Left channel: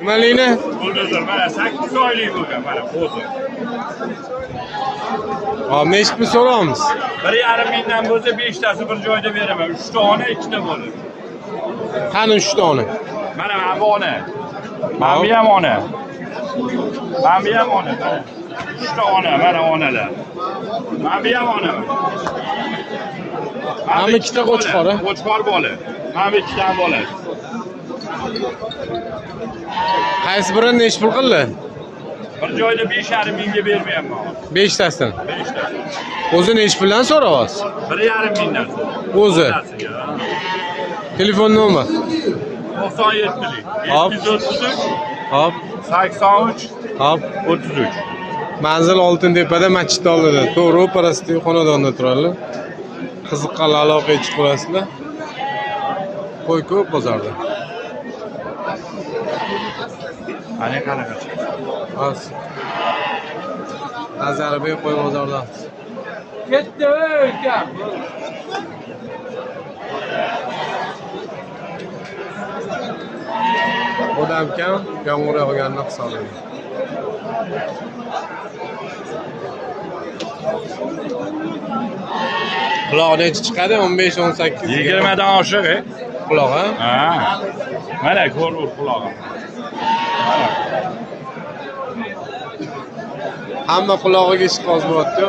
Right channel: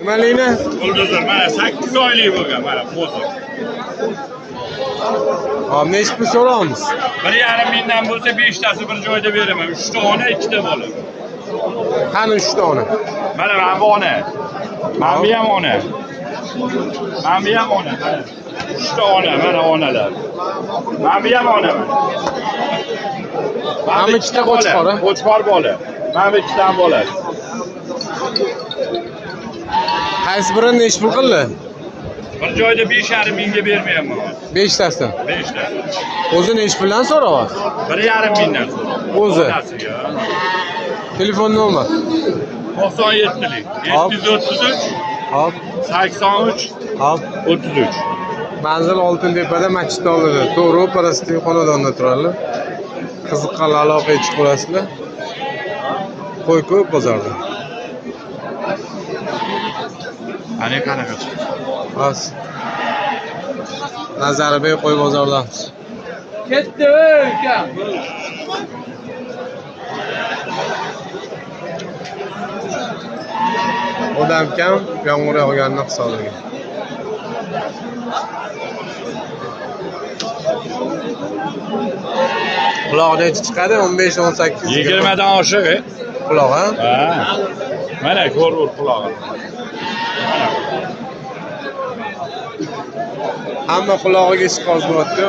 Nimaligini? Buldozor mana 8 oylik bo'lgan mana qo'zi. Hop, nechta pul so'raymiz? 1,5 mingdan bo'lsa 5 tasi bir joyda beraman. 3 ta ona, 2 ta bola. Qani 3 dona? Mana bu ona. Mana bu ham ona. Mana bu ham ona. 3 ta ona, mana onalar. Mana bu ham ona. Mana ikkita qo'chqori. Qo'chqor bola. Mana bu ikkita ham bola. Qaysi biri nech pul qildi? Bir joyda 5,5 mingga bermayapman. 5 tasidan. 5 ta. O'zi nech puldan so'rayapsiz? 1,5 mingdan. O'zi. Telefon nomer. 97lik. Hop. 733 Hop, 83 hop. 33. Manzil Oltintepada masjid oldida. To'g'ri, parastiv xonadonda turadilar. Qiziqqanlar aloqaga chiqaverasizlar. Qo'y ko'p bozorda. Ana qanaqa chiqdi? Bas. Nazarbek qo'y bozordamiz. Ketdi ukam. Odam kam, yomg'ir yog'ganini hisoblagan. Quloq necha chiqadi? 15-18 20 dan oshiq, quloq, ha? Ha. Mana ko'r qulog'i. Mana. Hamma qulog'iga chiqoz bo'lyapti.